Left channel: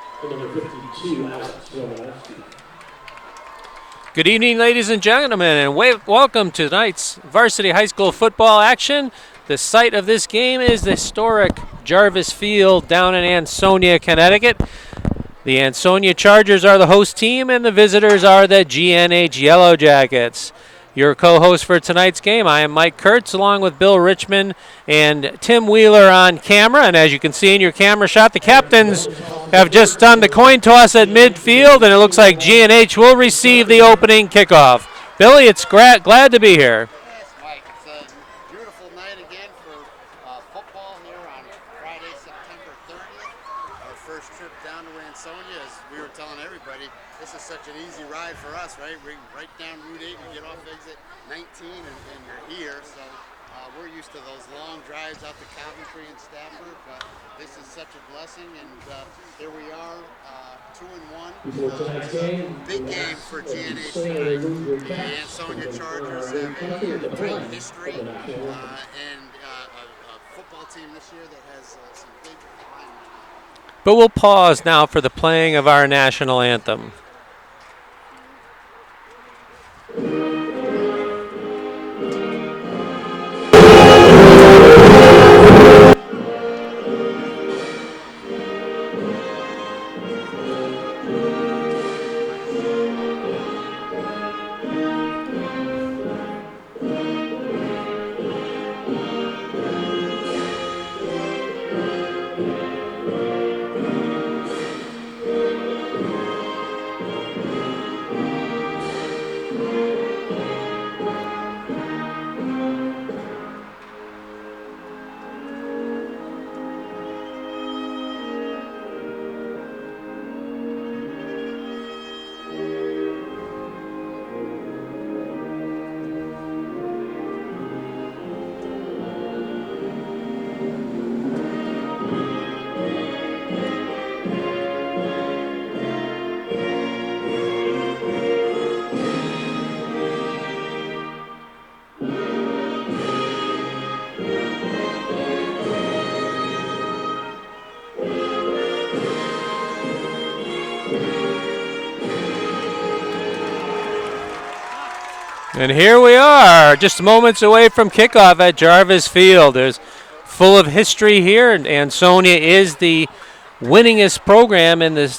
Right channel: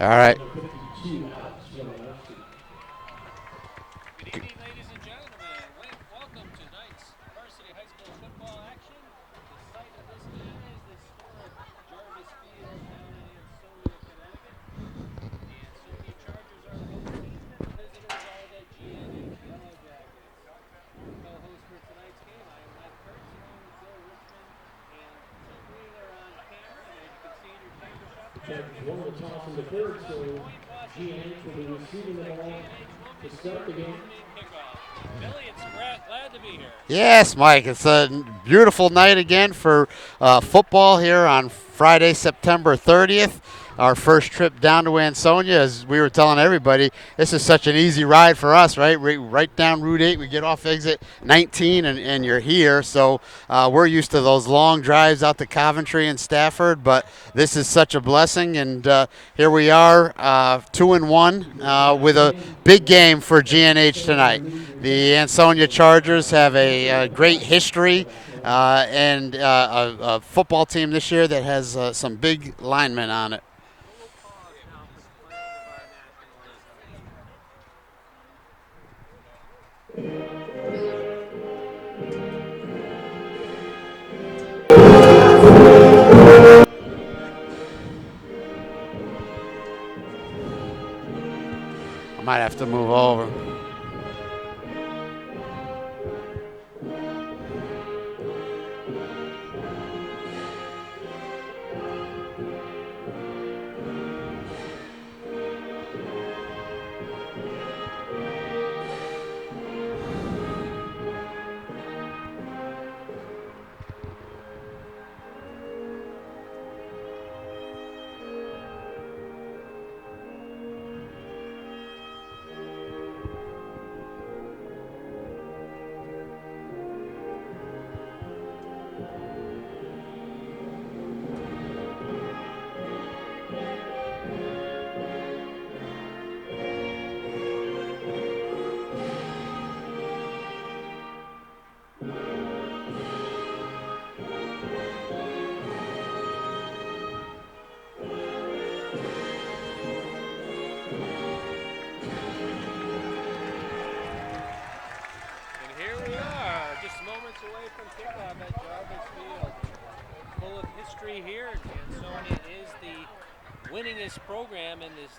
All right. Good evening, ladies and gentlemen, and welcome to tonight's varsity high school football action. The site of this game is the historic Jarvis Field down in Ansonia, Connecticut. The Ansonia Chargers are the host team, and the visitors are the GNH Yellow Jackets. Your co-host for tonight's game, I am Mike Kurtz, along with Bill Richmond and Tim Wheeler on camera. And as you can see in your camera shot, the captains have just done the coin toss at midfield, and it looks like GNH will receive the opening kickoff. Billy, it's glad to be here. Yes, Mike. It's a beautiful night again for football here on Friday, September 30th. Our first trip down to Ansonia, as we were telling everybody, this is such an easy ride for us, right? Right down Route 8, we get off exit 19 and you're here. So we're used to those long drives out to Coventry and Stafford, but this is such a blessing. And here we are, 2-1 with a big game for GNH tonight. The Ansonia Chargers have a great history and a football team this year that has some big linemen on it. But we'll pause now for the playing of our national anthem. Might have to move over. And here we are, just moments away from kickoff at Jarvis Field. There's full of history here, and Ansonia is the winningest program in the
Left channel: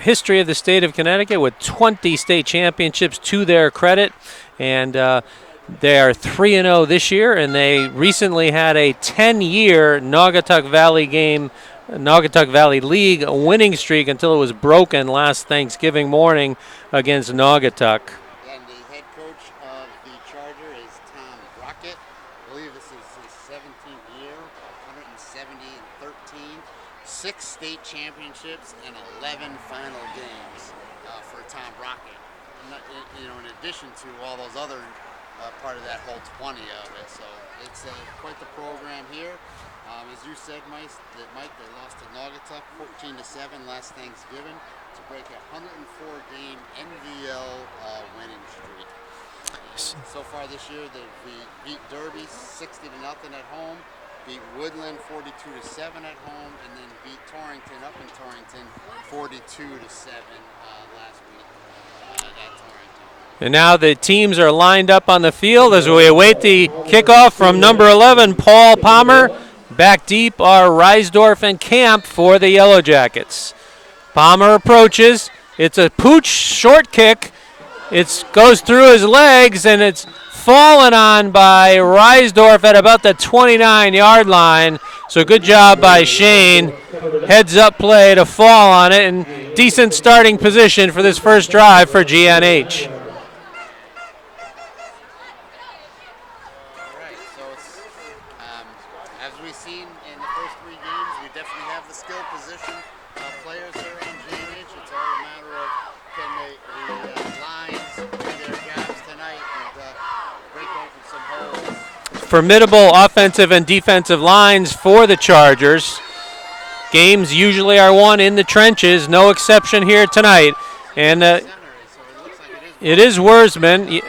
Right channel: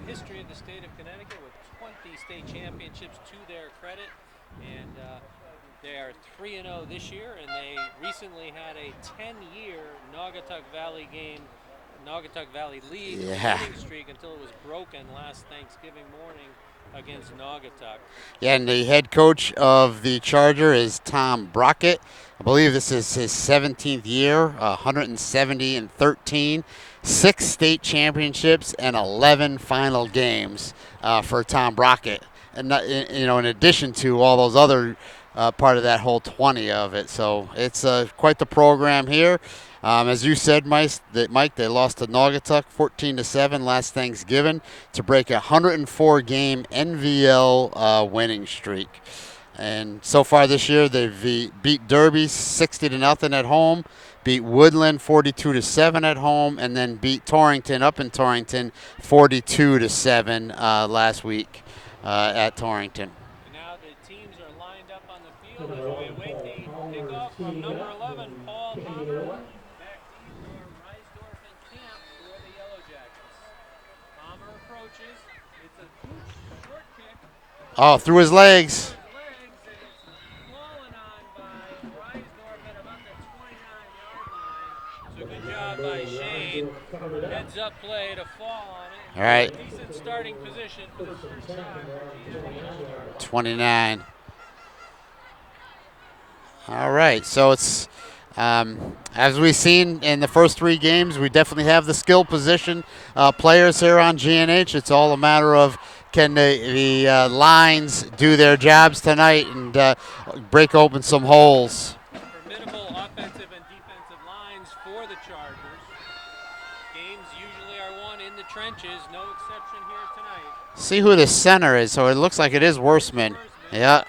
history of the state of Connecticut with 20 state championships to their credit. And they are 3-0 this year, and they recently had a 10-year Naugatuck Valley League winning streak until it was broken last Thanksgiving morning against Naugatuck. Yeah, and the head coach of the Charger is Tom Brockett. I believe this is his 17th year, 170-13, 6 state championships, and 11 final games for Tom Brockett. And in addition to all those other part of that whole 20 of it. So it's quite the program here. As you said, Mike, they lost to Naugatuck 14-7 last Thanksgiving to break a 104-game NVL winning streak. And so far this year, they've beat Derby 60-0 at home, beat Woodland 42-7 at home, and then beat Torrington up in Torrington 42-7 last week at Torrington. And now the teams are lined up on the field as we await the kickoff from number 11, Paul Palmer. Back deep are Reisdorf and Camp for the Yellow Jackets. Palmer approaches. It's a pooch short kick. It goes through his legs, and it's fallen on by Reisdorf at about the 29-yard line. So good job by Shane. Heads up play to fall on it, and decent starting position for this first drive for GNH. 29. All right, so it's as we've seen in the first 3 games, we definitely have the skill position players here on GNH. It's all a matter of can the lines do their jobs tonight and break open some holes. Formidable offensive and defensive lines for the Chargers. Games usually are won in the trenches, no exception here tonight. See where the center is, so it looks like it is Worsman. It is Worsman. Yeah.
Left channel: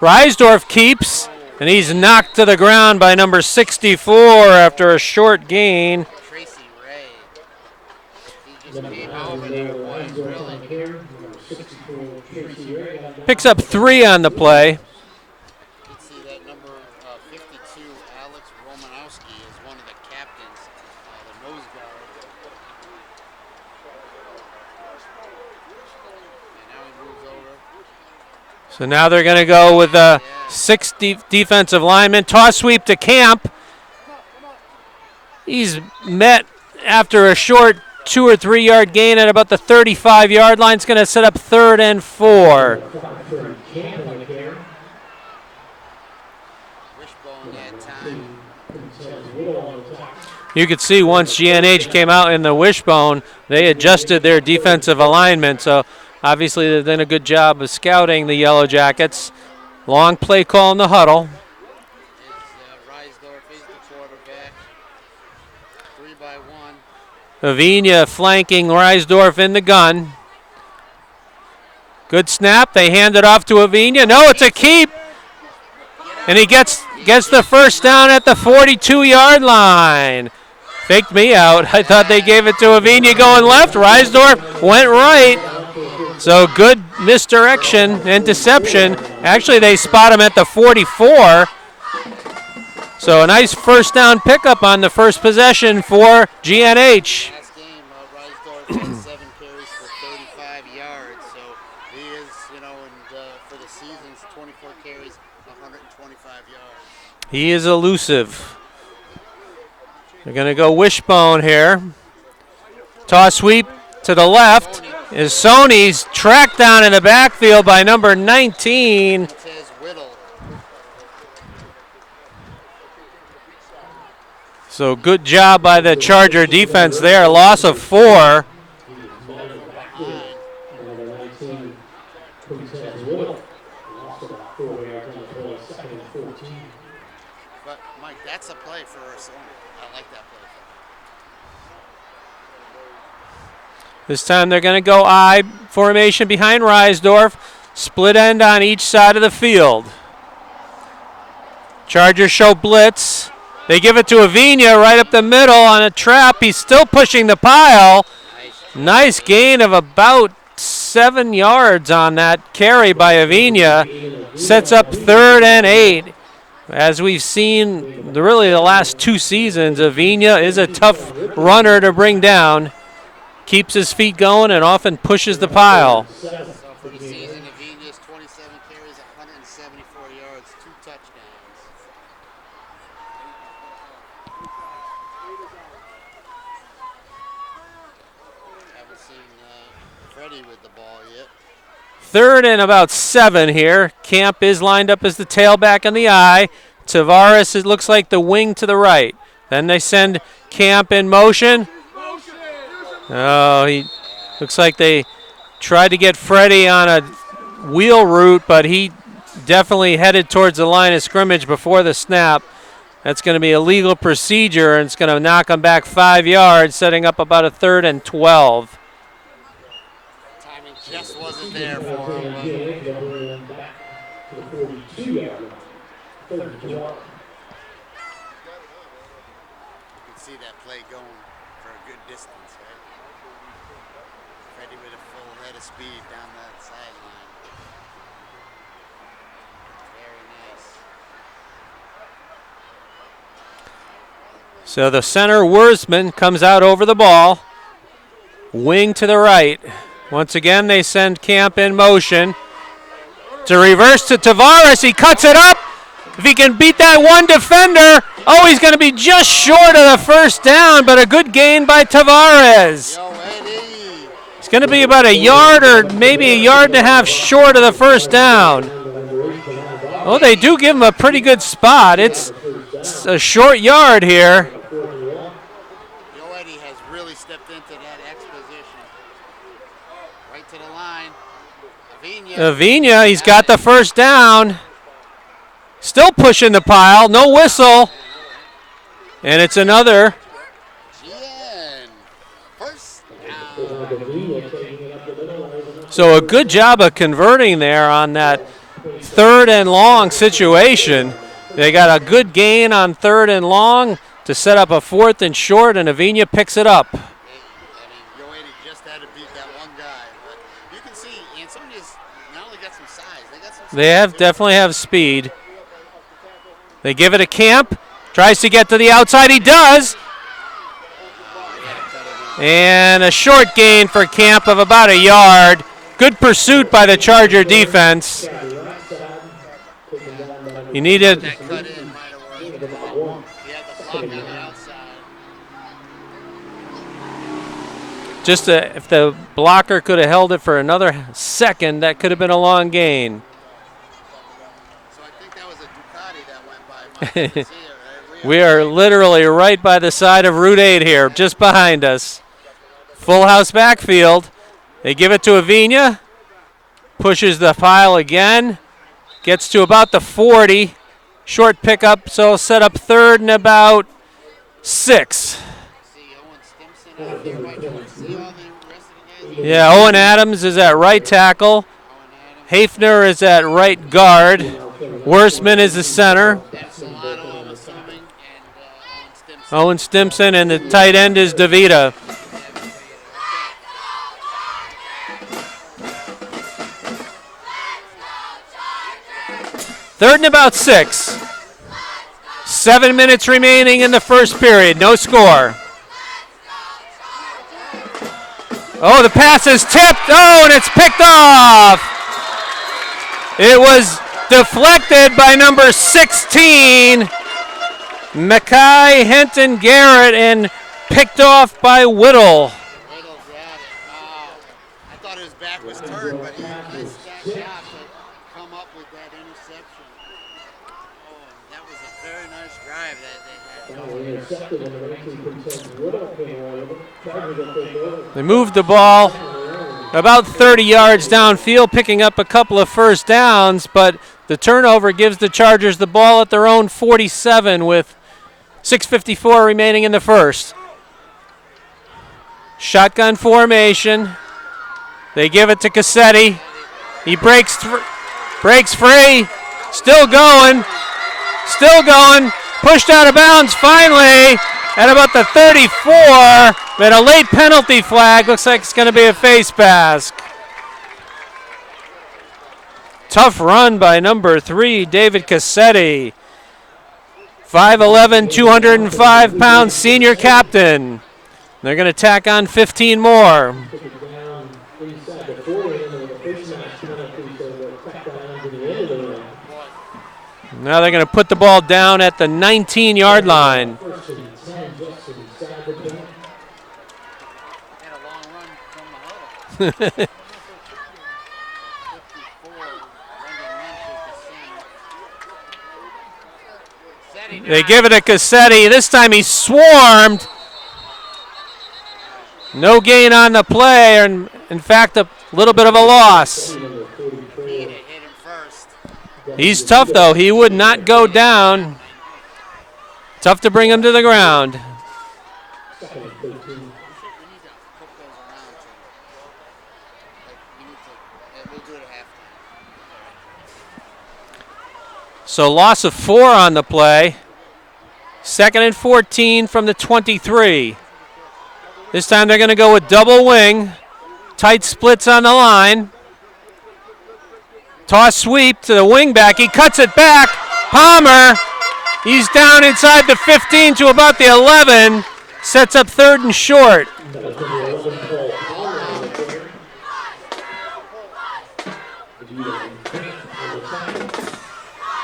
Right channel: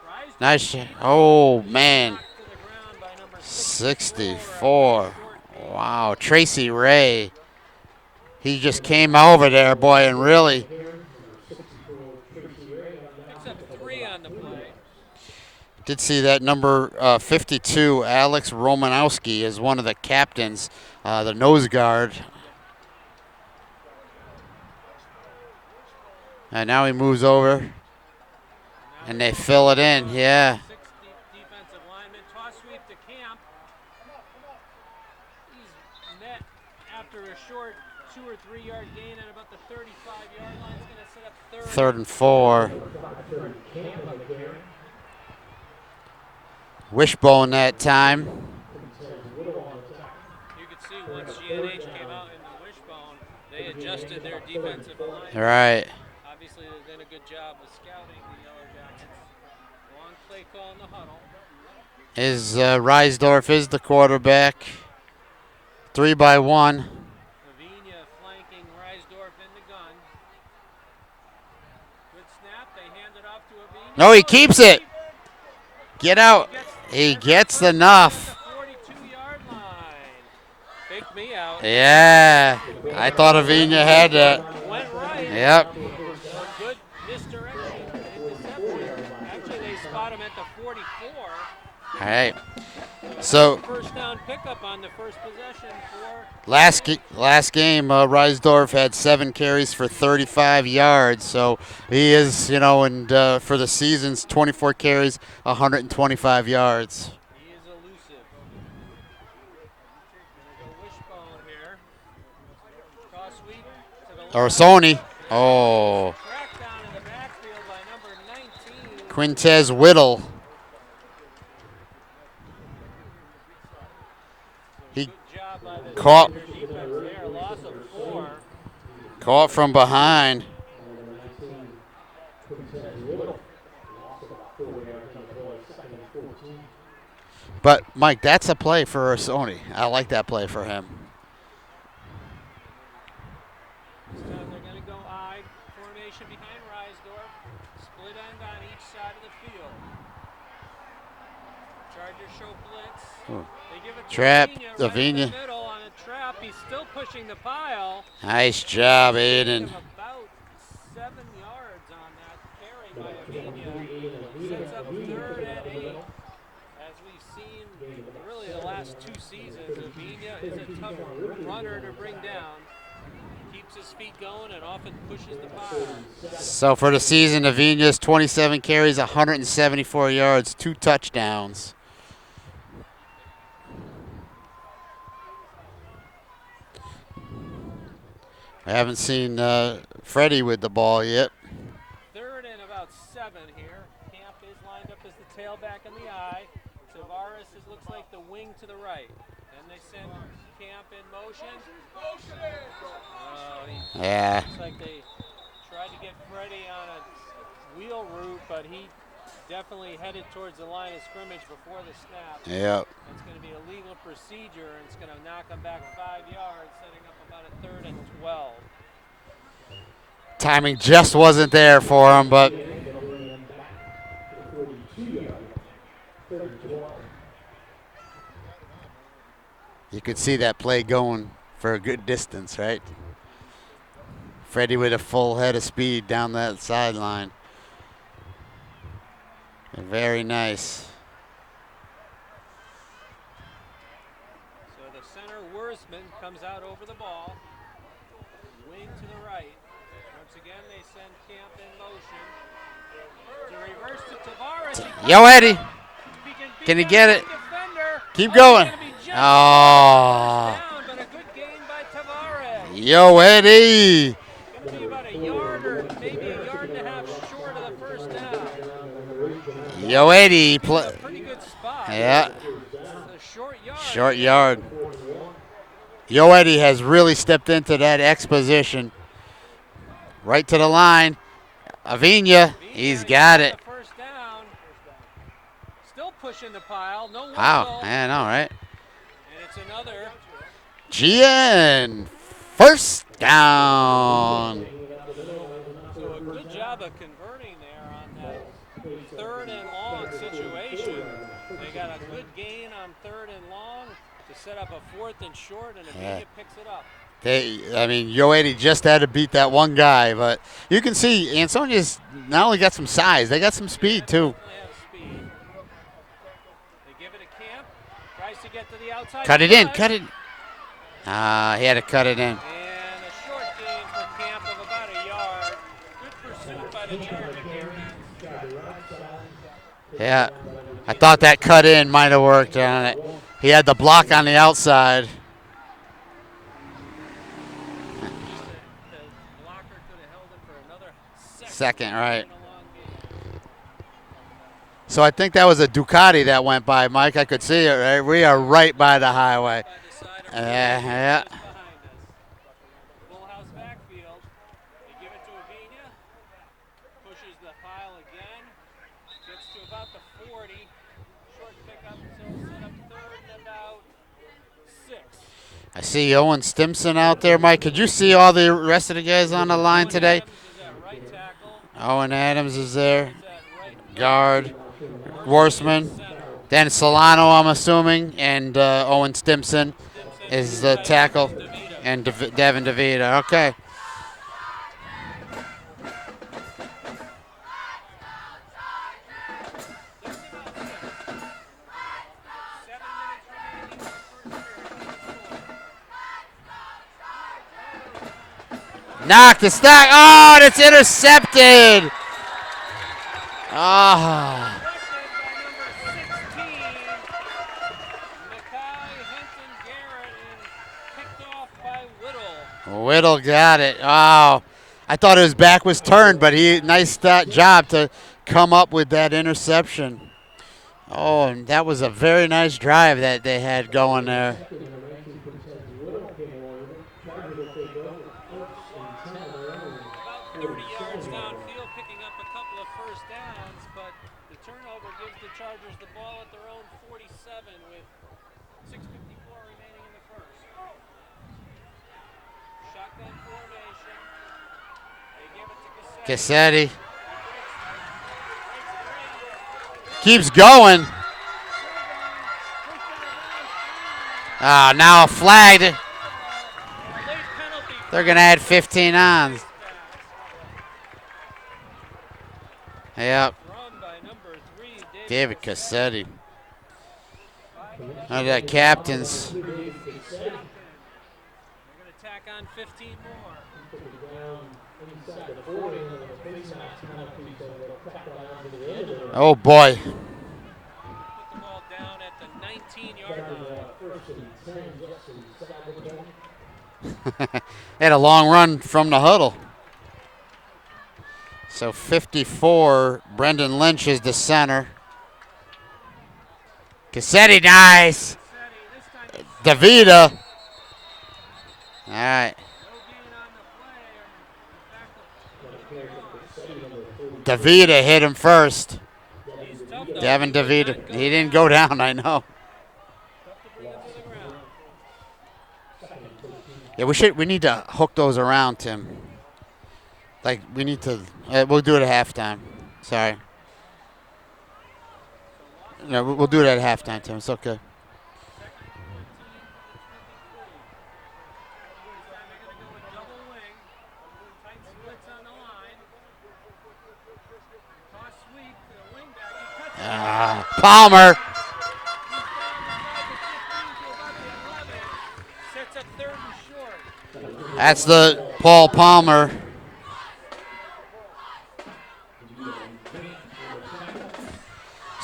Reisdorf keeps, and he's knocked to the ground by number 64 after a short gain. Wow, Tracy Ray. He just came over there, boy, and really Picks up 3 on the play. did see that number 52, Alex Romanowski, is one of the captains, the nose guard. And now he moves over. So now they're going to go with the yeah. 6 defensive linemen. Toss sweep to Camp. He's met after a short 2 or 3 yard gain at about the 35-yard line. It's going to set up third and 4. Wishbone that time. You could see once GNH came out in the wishbone, they adjusted their defensive alignment. Right. So obviously they've done a good job of scouting the Yellow Jackets. Long play call in the huddle. Reisdorf is the quarterback. 3-by-1. Avina flanking Reisdorf in the gun. Good snap. They hand it off to Avina. No, it's a keep. Get out. And he gets the first down at the 42-yard line. Faked me out. Yeah. I thought they gave it to Avina going left. Reisdorf went right. Yep. So good misdirection and deception. Actually, they spot him at the 44. Right. So a nice first down pickup on the first possession for GNH. Last game, Reisdorf had 7 carries for 35 yards. So he is, and for the season's 24 carries, 125 yards. He is elusive. They're going to go wishbone here. Toss sweep to the left. Sony's tracked down in the backfield by number 19. Quintez Whittle. So good job by the Charger defense there. Loss of 4. Caught from behind. But, Mike, that's a play for Sony. I like that play for him. This time they're going to go I formation behind Reisdorf. Split end on each side of the field. Chargers show blitz. They give it to Avina right up the middle on a trap. He's still pushing the pile. Nice job. Nice gain of about 7 yards on that carry by Avina. Sets up 3rd and 8. As we've seen really the last 2 seasons, Avina is a tough runner to bring down. Keeps his feet going and often pushes the pile. So for the season, Avina's 27 carries, 174 yards, 2 touchdowns. I haven't seen Freddie with the ball yet. 3rd and about 7 here. Camp is lined up as the tailback on the I. Tavares, it looks like the wing to the right. Then they send Camp in motion. Oh, looks like they tried to get Freddie on a wheel route, but he definitely headed towards the line of scrimmage before the snap. Yep. That's going to be a legal procedure, and it's going to knock him back 5 yards, setting up about a 3rd and 12. Timing just wasn't there for him, but you could see that play going for a good distance, right? Freddie with a full head of speed down that sideline. Very nice. So the center, Wurzman, comes out over the ball. Wing to the right. Once again, they send Camp in motion. To reverse to Tavares. He cuts it up. If he can beat that one defender. He's going to be just short of the first down, but a good gain by Tavares. Yo, Eddie. It's going to be about a yard or maybe a yard and a half short of the first down. Yo, well, they do give him a pretty good spot. Yeah. It's a short yard here. Yo Eddie has really stepped into that X position. Right to the line. Avina, he's got the first down. Still pushing the pile. No whistle. Wow, man, all right. And it's another. GN. First down. So a good job of converting there on that 3rd and long situation. They got a good gain on 3rd and long to set up a 4th and short, and Avina picks it up. I mean, Yoeti just had to beat that one guy, but you can see Ansonia's not only got some size, they got some speed too. Definitely have speed. They give it to Camp. Tries to get to the outside. He does. He had to cut it in. And a short gain for Camp of about a yard. Good pursuit by the Charger defense. Yeah. I thought that cut in might have worked on it. He had the block on the outside. Just if the blocker could have held it for another second, that could have been a long gain. So I think that was a Ducati that went by, Mike. I could see it, right? We are right literally right by the side of Route 8 here, just behind us. Full house backfield. They give it to Avina. Pushes the pile again. Gets to about the 40. Short pickup, so set up 3rd and about 6. I see Owen Stimson out there, Mike. Could you see all the rest of the guys on the line? Yeah, Owen today? Adams is at right tackle. Owen Adams Hafner is at right guard. Worstman is the center. Then Solano, I'm assuming, and Owen Stimson. Owen Stimson, and the tight end is DeVita. And Devin DeVita, okay. Third and about 6. 7 minutes remaining in the first period. No score. Oh, the pass is tipped. Oh, and it's picked off. It was deflected by number 16, Mackay Henton Garrett, and picked off by Whittle. Whittle got it. Oh, I thought his back was turned, but nice job to come up with that interception. Oh, and that was a very nice drive that they had going there. They moved the ball about 30 yards downfield, picking up a couple of first downs, but the turnover gives the Chargers the ball at their own 47 with 6:54 remaining in the first. Shotgun formation. They give it to Cassetti. He breaks free. Still He's going. Still going. Pushed out of bounds finally. At about the 34. But a late penalty flag. Looks like it's going to be a face mask. Yeah. Tough run by number 3, David Cassetti. 5'11", 205-pound senior captain. They're going to tack on 15 more. Oh, boy. Now they're going to put the ball down at the 19-yard line. Had a long run from the huddle. So 54, Brendan Lynch is the center. Cassetti dies. They give it to Cassetti. This time he swarmed. All right. No gain on the play, and in fact, a little bit of a loss. DeVita hit him first. He's tough, though. He would not go down. He didn't go down, I know. Tough to bring him to the ground. Yeah, we need to hook those around, Tim. Like, we need to, we'll do it at halftime. Sorry. So loss of 4 on the play. It's okay. 2nd and 14 from the 23. This time they're going to go with double wing. Tight splits on the line. Toss sweep to the wing back. He cuts it back. Palmer. He's down inside the 15 to about the 11. Sets up 3rd and short. That's the Paul Palmer.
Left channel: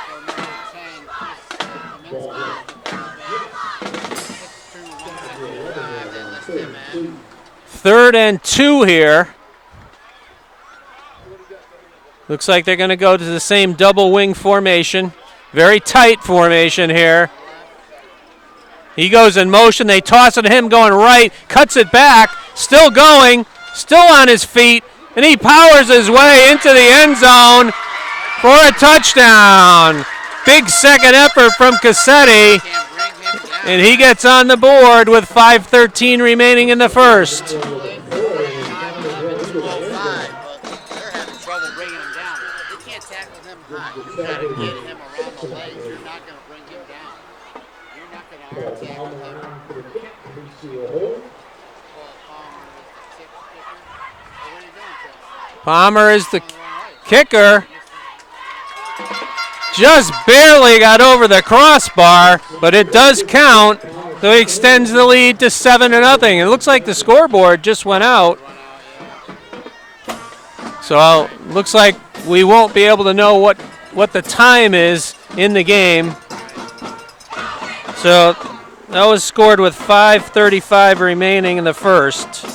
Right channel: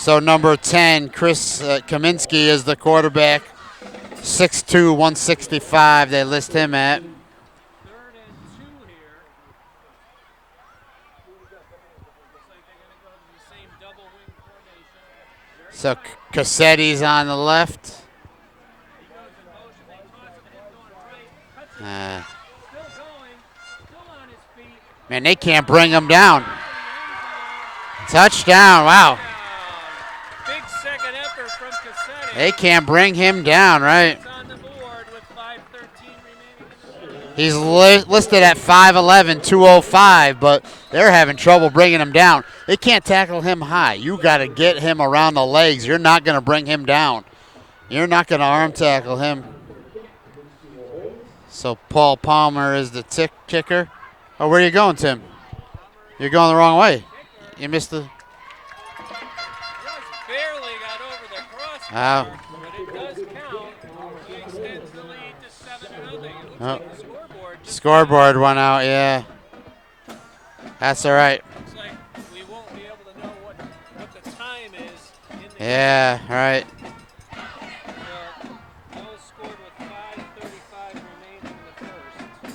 So number 10, Chris Kaminsky is the quarterback. 6'2", 165 they list him at. 3rd and 2 here. Looks like they're going to go to the same double wing formation. Very tight formation here. On the left. He goes in motion. They toss it to him going right. Cuts it back. Still going. Still on his feet. And he powers his way into the end zone for a touchdown. Wow. Big second effort from Cassetti. They can't bring him down. And he gets on the board with 5:13 remaining in the first. He's listed at 5'11", 205, but they're having trouble bringing him down. They can't tackle him high. You got to get him around the legs. You're not going to bring him down. You're not going to arm tackle him. So Paul Palmer is the kicker. Oh, where are you going, Tim? Palmer is You're going the wrong way. Kicker. You missed the. Just barely got over the crossbar, but it does count. So he extends the lead to 7-0. It looks like the scoreboard just went out. Scoreboard went out, yeah. That's so all right. Looks like we won't be able to know what the time is in the game. Yeah, right. So that was scored with 5:35 remaining in the first.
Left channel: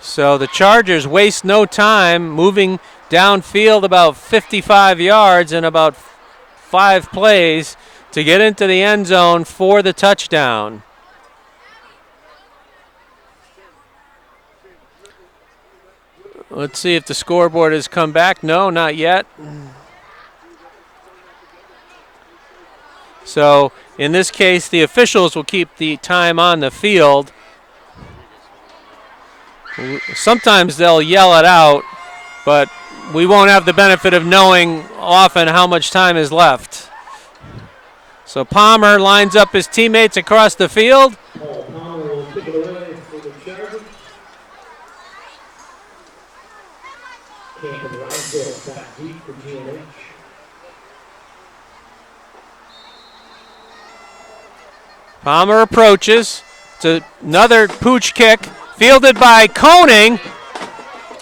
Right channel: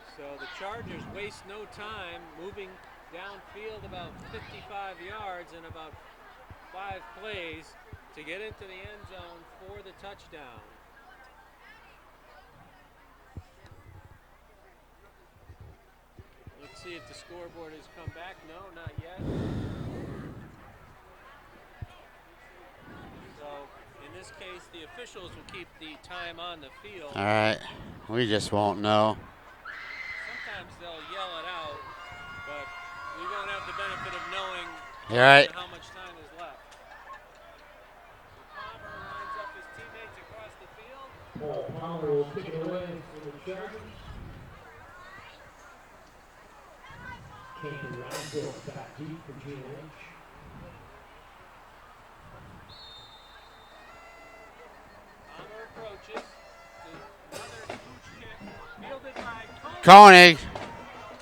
So the Chargers waste no time moving downfield about 55 yards in about 5 plays to get into the end zone for the touchdown. Let's see if the scoreboard has come back. No, not yet. So in this case, the officials will keep the time on the field. All right. We just won't know. Sometimes they'll yell it out, but we won't have the benefit of knowing often how much time is left. So Palmer lines up his teammates across the field. Palmer will kick it away for the Chargers. Camp and Rydell back deep for GNH. Palmer approaches. It's another pooch kick. Fielded by Koenig.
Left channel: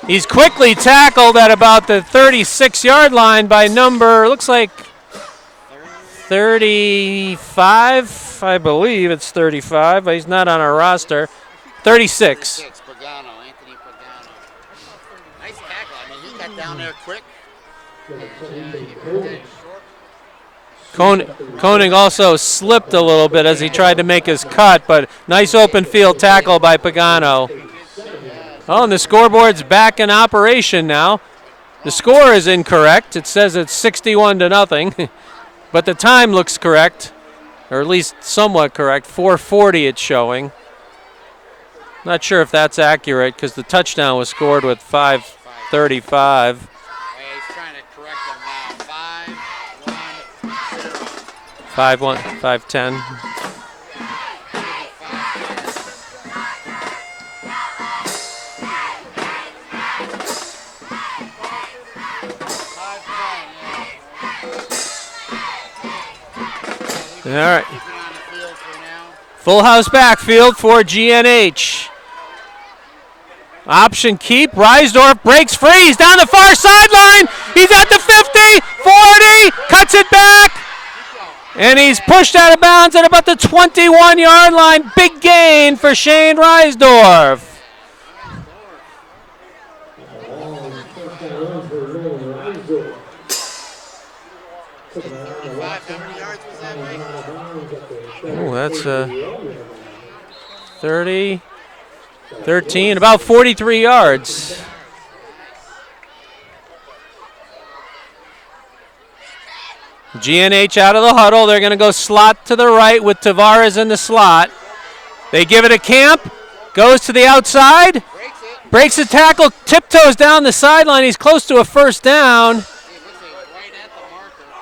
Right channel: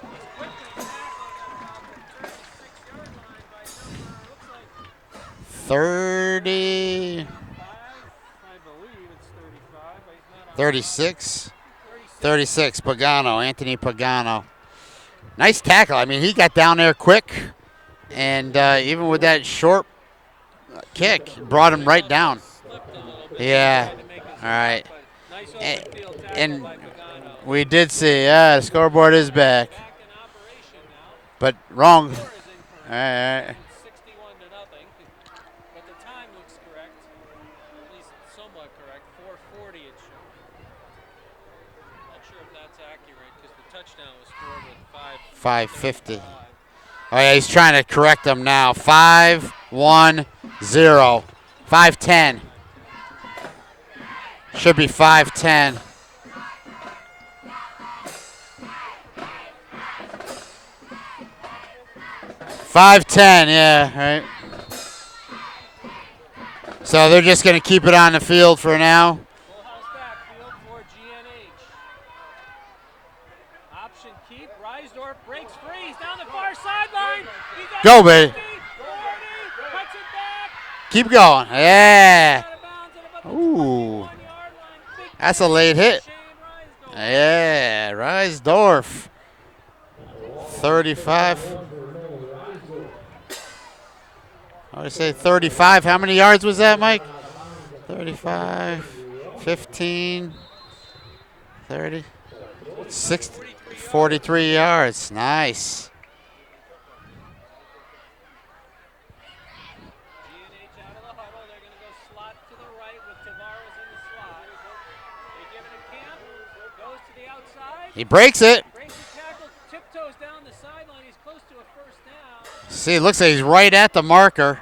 He's quickly tackled at about the 36-yard line by number, looks like 35, I believe it's 35. He's not on our roster. 36. 36, Pagano, Anthony Pagano. Nice tackle. I mean, he got down there quick, and even with that short Koenig also slipped a little bit as he tried to make his cut, but nice open field tackle by Pagano. We did see, the the scoreboard's back in operation now. But wrong. The score is incorrect. It says it's 61-0, but the time looks correct, or at least somewhat correct. 4:40 it's showing. Not sure if that's accurate because the touchdown was scored with 5:35. Oh, yeah, he's trying to correct them now. 5-1-0. 5-10. 5-10. Should be 5-10. Yeah, right. So they're just going to keep it on the field for now. Full house backfield for GNH. Option keep. Reisdorf breaks free. He's down the far sideline. He's at the 50, 40, cuts it back. Keep going. And he's pushed out of bounds at about the 21-yard line. Big gain for Shane Reisdorf. Yeah, Reisdorf. 35. I would say 35. How many yards was that, Mike? 35. Oh, that's 15. 30. 13, about 43 yards. 43 yards, nice. GNH out of the huddle. They're going to go slot to the right with Tavares in the slot. They give it a Camp. Goes to the outside. He breaks it. Breaks the tackle. Tiptoes down the sideline. He's close to a first down. See, it looks like he's right at the marker.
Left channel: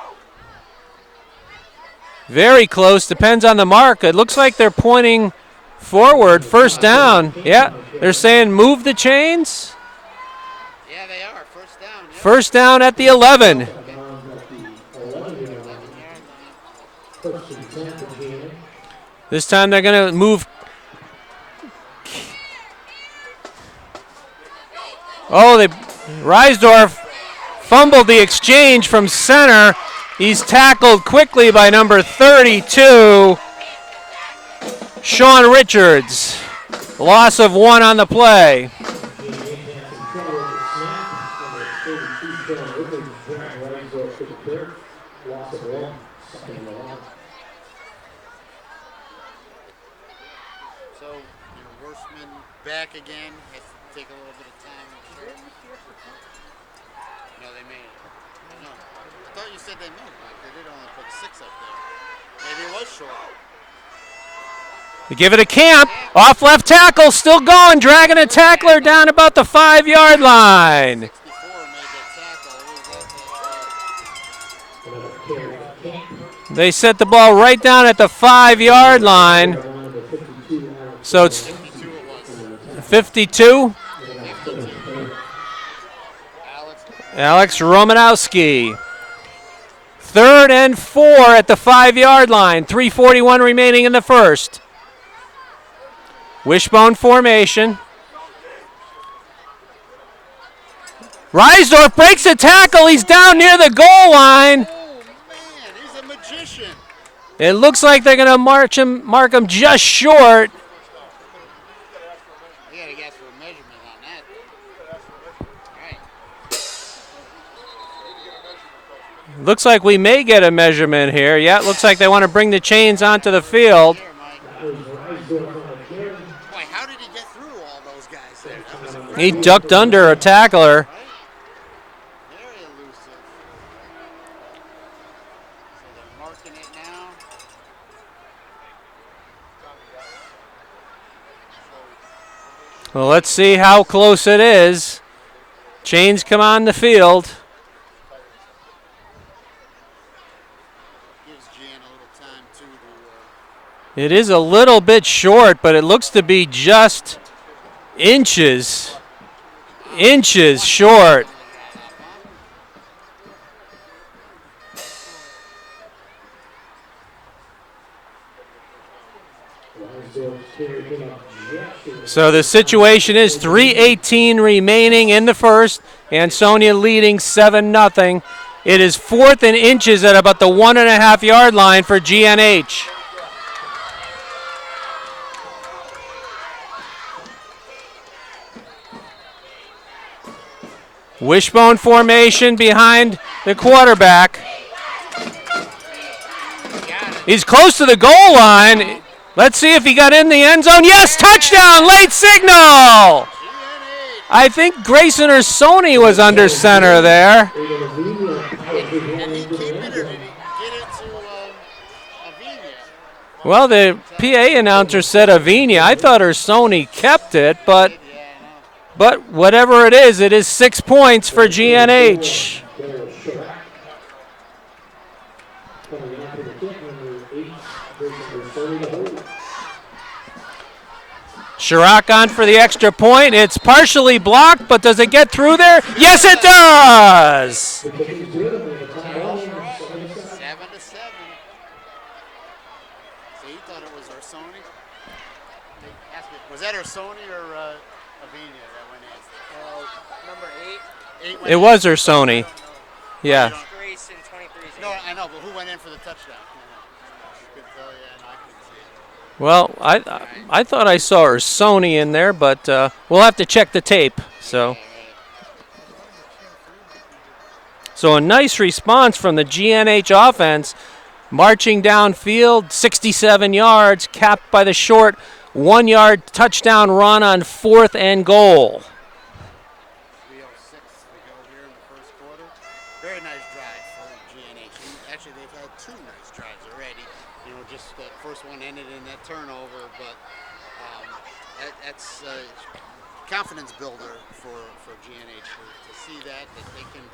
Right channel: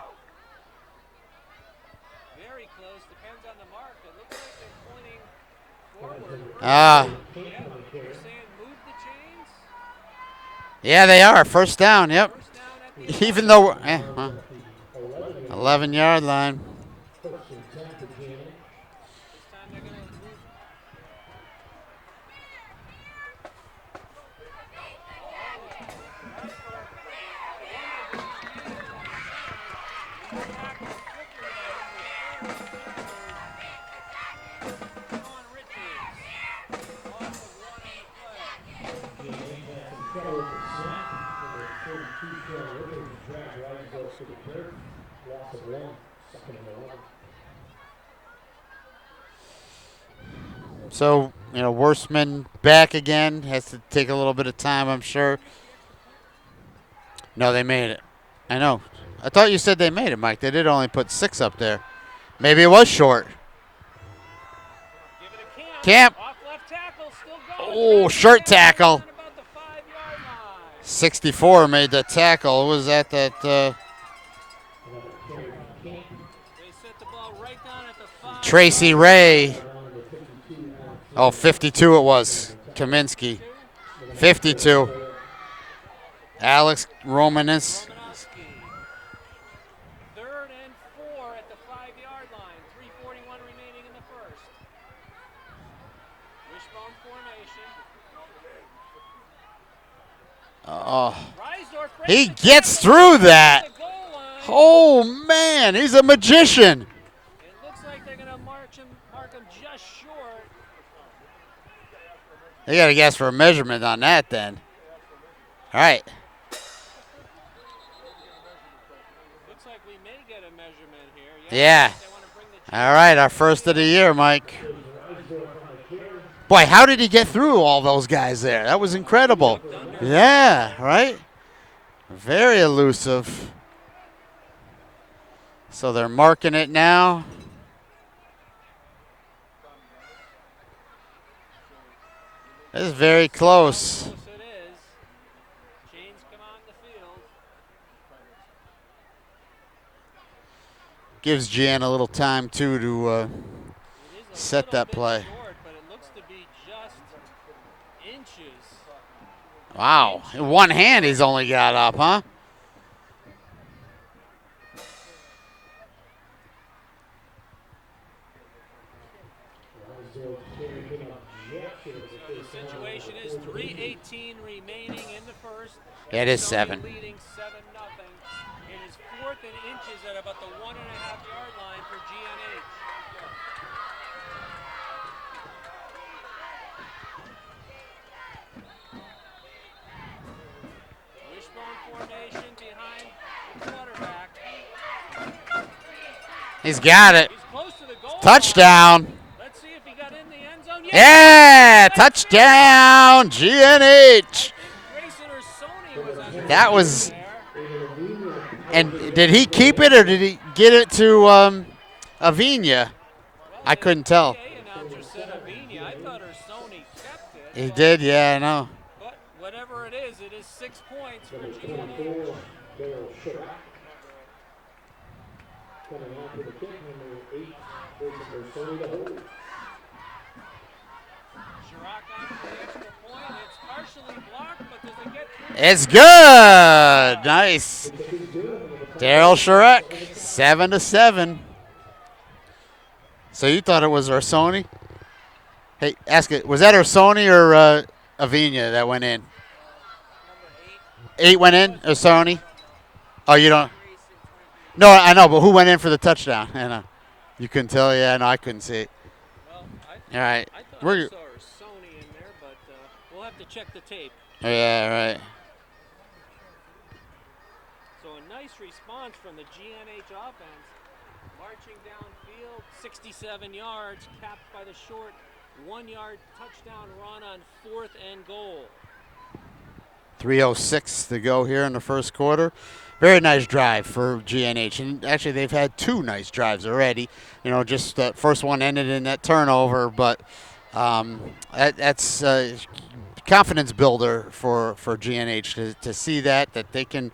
Very close. Depends on the mark. It looks like they're pointing forward. First down. Yeah. They're saying move the chains. Yeah, they are. First down. Yep. First down at the 11. 11-yard line. This time they're going to move. Reisdorf fumbled the exchange from center. He's tackled quickly by number 32, Sean Richards. Loss of 1 on the play. So, Worstman back again. Has to take a little bit of time, I'm sure. No, they made it. I know. I thought you said they made it, Mike. They did only put 6 up there. Maybe it was short. They give it a Camp. Camp. Off left tackle, still going, dragging a shirt tackler tackle. down about the 5-yard line. 64 made the tackle. It was at that. They set the ball right down at the 5-yard line. So it's 52 it was. Kaminsky. 52. 52. Alex Romanowski. 3rd and 4 at the 5-yard line. 3:41 remaining in the first. Wishbone formation. Reisdorf breaks the tackle. He's down near the goal line. Oh, man, he's a magician. It looks like they're going to mark him just short. They got to guess for a measurement on that then. All right. Looks like we may get a measurement here. Yeah, Yeah. looks like they want to bring the chains All right, onto the our first field. of the year, Mike. Boy, how did he get through all those guys there? That was incredible. He ducked under a tackler. Right? Very elusive. So they're marking it now. This is Well, very let's see how close. close it is. Chains come on the field. Gives Jan a little time, too, to It is a set little that bit play. short, but it looks to be just inches. wow. Inches One hand short. he's only got up, huh? So the situation is 3:18 remaining in the first. It is Ansonia 7. leading 7-0. It is 4th and inches at about the 1.5-yard line for GNH. Wishbone formation behind the quarterback. He's got it. He's close to the goal Touchdown. line. Let's see if he got in the end zone. Yes, Yeah, touchdown, late signal. GNH. I think Grayson or Sony was under That center was- there. And did he keep it or did he get it to Avina? Well, I the couldn't tell. PA announcer said Avina. I thought Sony kept it, He but did, yeah, I know. but whatever it is 6 points for GNH. Chirac on for the extra point. It's partially blocked, but does it get through there? It's good. Yes, it does. Nice. Daryl Sharek, 7-7. So you thought it was Sony? Hey, ask it. Was that Sony or Avina that went in? Number 8 went It in. was or Sony. Oh, Yeah. you don't. Grayson, 23. No, I know, but who went in for the touchdown? I know. You couldn't tell. Yeah, no, I couldn't see it. Well, right. I thought I saw Sony in there, but we'll have to check the tape. So. Yeah, right. So a nice response from the GNH offense, marching downfield, 67 yards, capped by the short 1-yard touchdown run on 4th and goal. 3:06 to go here in the first quarter. Very nice drive for GNH. And actually, they've had 2 nice drives already. You know, just that first one ended in that turnover, but that's confidence builder for GNH to see that they can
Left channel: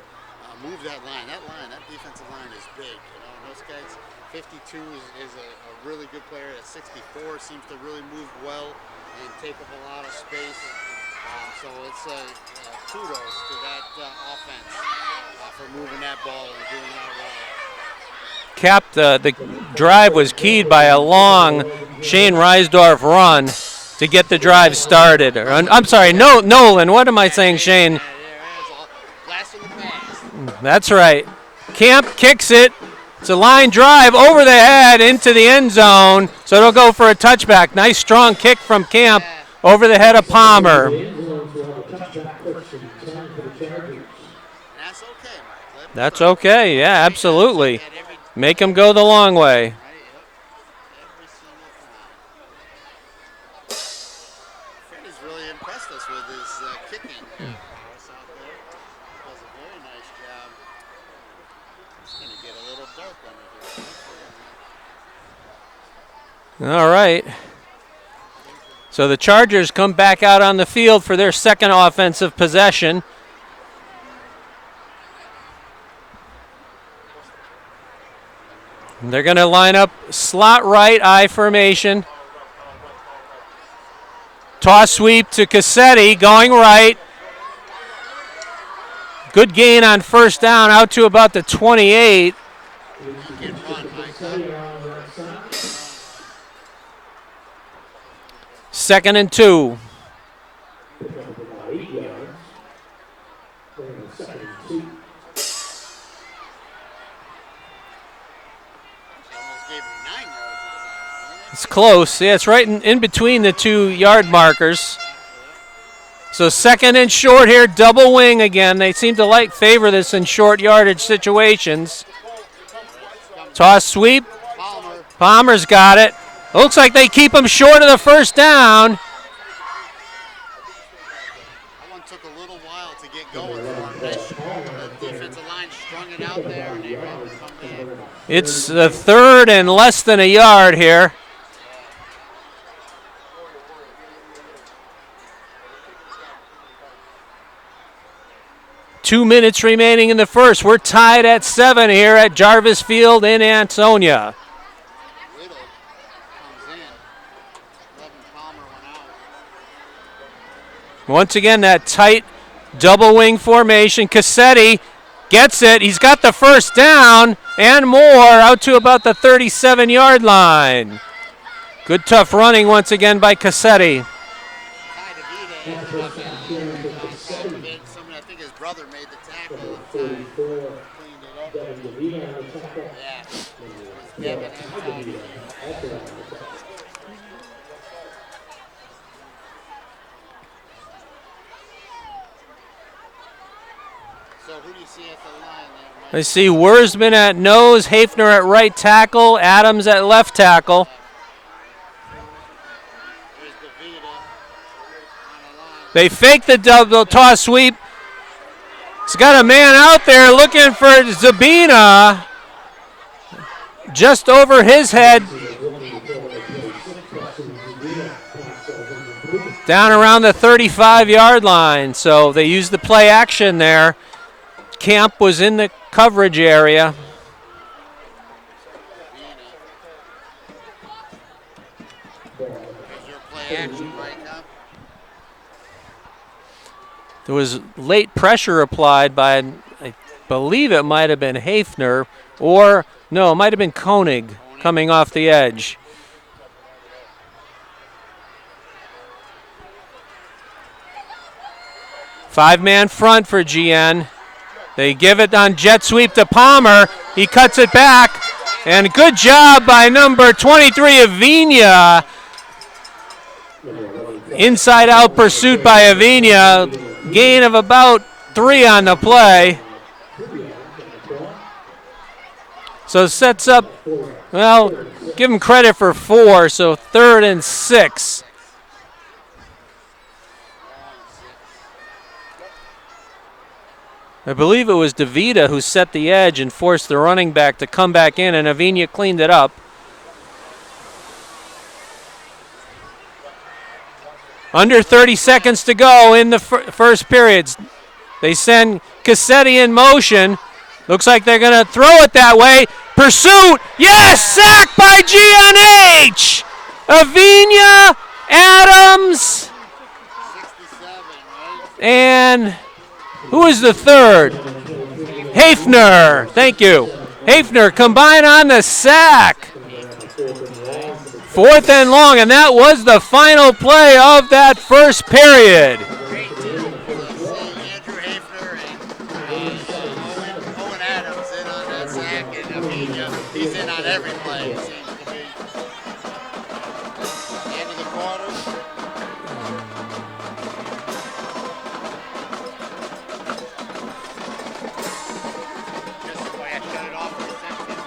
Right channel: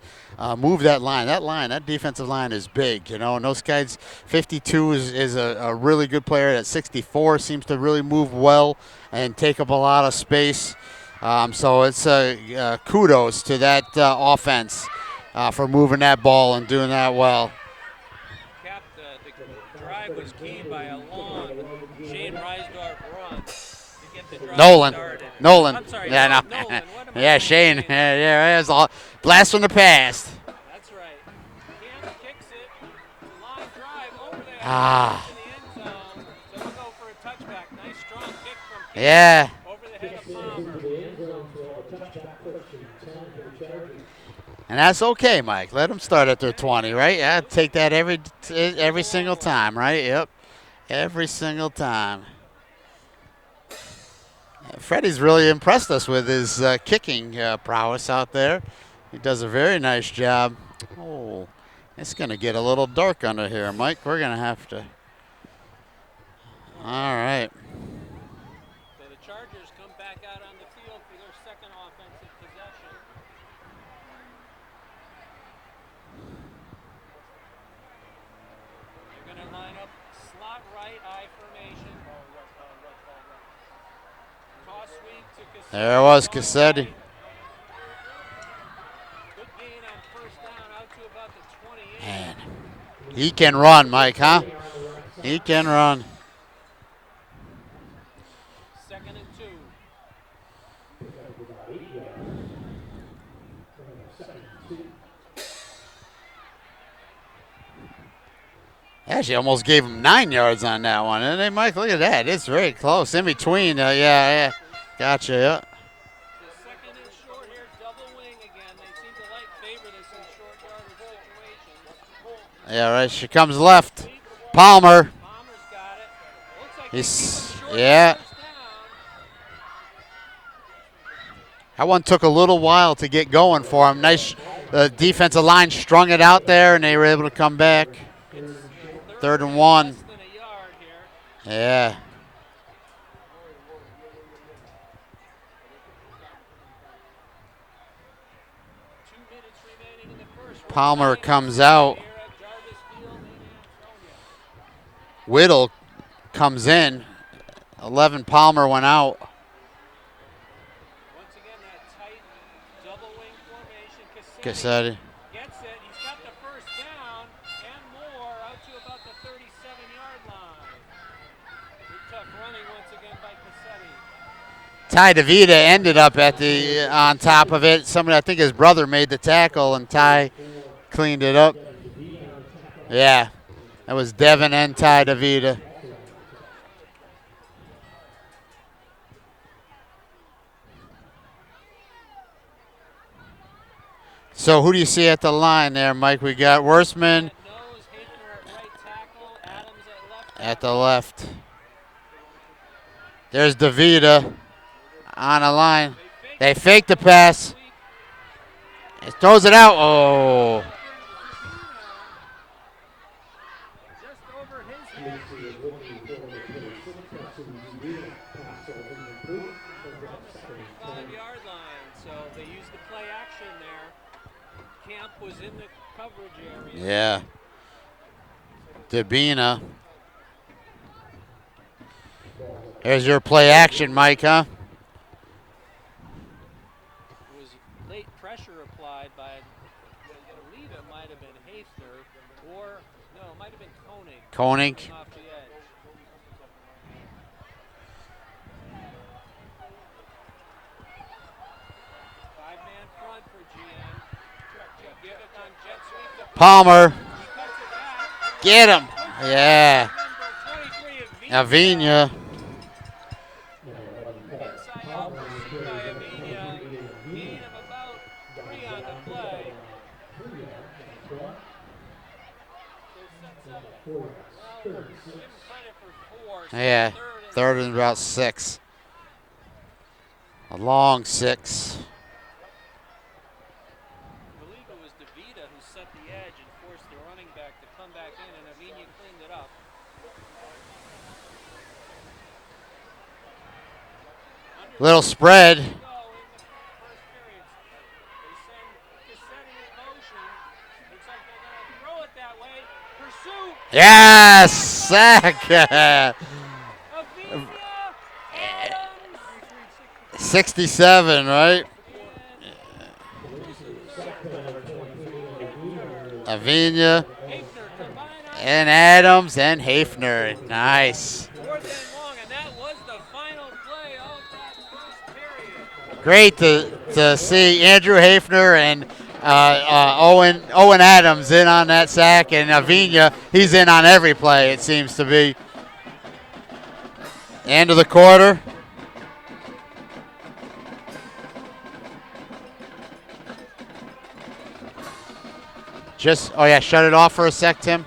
move that line. That defensive line is big, you know, and those guys, 52 is a really good player. At 64 seems to really move well and take up a lot of space. So it's kudos to that offense for moving that ball and doing that well. Capped, the drive was keyed by a long Shane Reisdorf run to get the drive started. Nolan. I'm sorry, Yeah. Nolan. What am I Yeah, saying, Shane? Yeah, it's all blast from the past. That's right. Camp kicks it. It's a line drive over the head into the end zone, so it'll go for a touchback. Nice strong kick from Camp Yeah. over the head of Palmer. And that's okay, Mike. Let him That's start at the okay, 20, yeah, right? absolutely. Take that every Make him go the long single way. time, right? Yep. Every single time. Freddie's really impressed us with his kicking prowess out there. He does a very nice job. Oh, it's going to get a little dark under here, Mike. We're going to have to. All right. All right. So the Chargers come back out on the field for their second offensive possession. They're going to line up slot right, I formation. Toss sweep to Cassetti, going Cassetti. right. Good gain on first down, out to about the 28. He can run, Mike, huh? He can run. 2nd and 2. Actually, almost gave him 9 yards on that one. And they might, Close. Yeah, Yeah, it's right in between the 2 yard markers. Gotcha, yeah. So 2nd and short here, double wing again. They seem to favor this in short yardage situations. Yeah, right. She comes Toss up. sweep. Palmer. Palmer's got it. Looks like they keep him short of the first down. That one took a little while to get going for him. Nice defensive line strung it out there, and they were able to come back. It's the 3rd and less than a yard here. Yeah. Two minutes remaining in the first. We're Palmer tied at comes 7 out. here at Jarvis Field in Ansonia. Whittle comes in. 11 Palmer went out. Once again, that tight double wing formation. Cassetti gets it. He's got the first down and more, out to about the 37-yard line. Good tough running once again by Cassetti. Ty DeVita ended up on top of it. Somebody, I think his brother made the tackle, and Ty cleaned it up. Yeah, that was Devin and Ty DeVita. So who do you see at the line there, Mike? I see Wurzman at nose, Hafner at right tackle, Adams at left tackle. At the left. There's DeVita on a line. They fake the double toss sweep. It's got a man out there looking for Zabina. Just over his head. Down around the 35-yard line. So they used the play action there. Camp was in the coverage area. Yeah. Zabina. There's your play action, Mike, huh? There was late pressure applied by, I believe it might have been Hafner, or no, it might have been Koenig coming off the edge. Five-man front for GN. They give it on jet sweep to Palmer. He cuts it back. And good job by number 23, Avina. Inside out pursuit by Avina. Gain of about 3 on the play. So sets up, well, give him credit for 4, so third and 6. A long 6. I believe it was DeVita who set the edge and forced the running back to come back in, and Avina cleaned it up. Under 30 seconds to go in the first periods. They send Cassetti in motion. Looks like they're going to throw it that way. Pursuit! Yes! Sacked by GNH! Avina, Adams. 67, right? And who is the third? Hafner. Thank you. Hafner combine on the sack. Adams and Hafner. Nice. 4th and long, and that was the final play of that first period. Great to see Andrew Hafner and Owen Adams in on that sack, and Avina, he's in on every play, it seems to be. End of the quarter. Shut it off for a sec, Tim.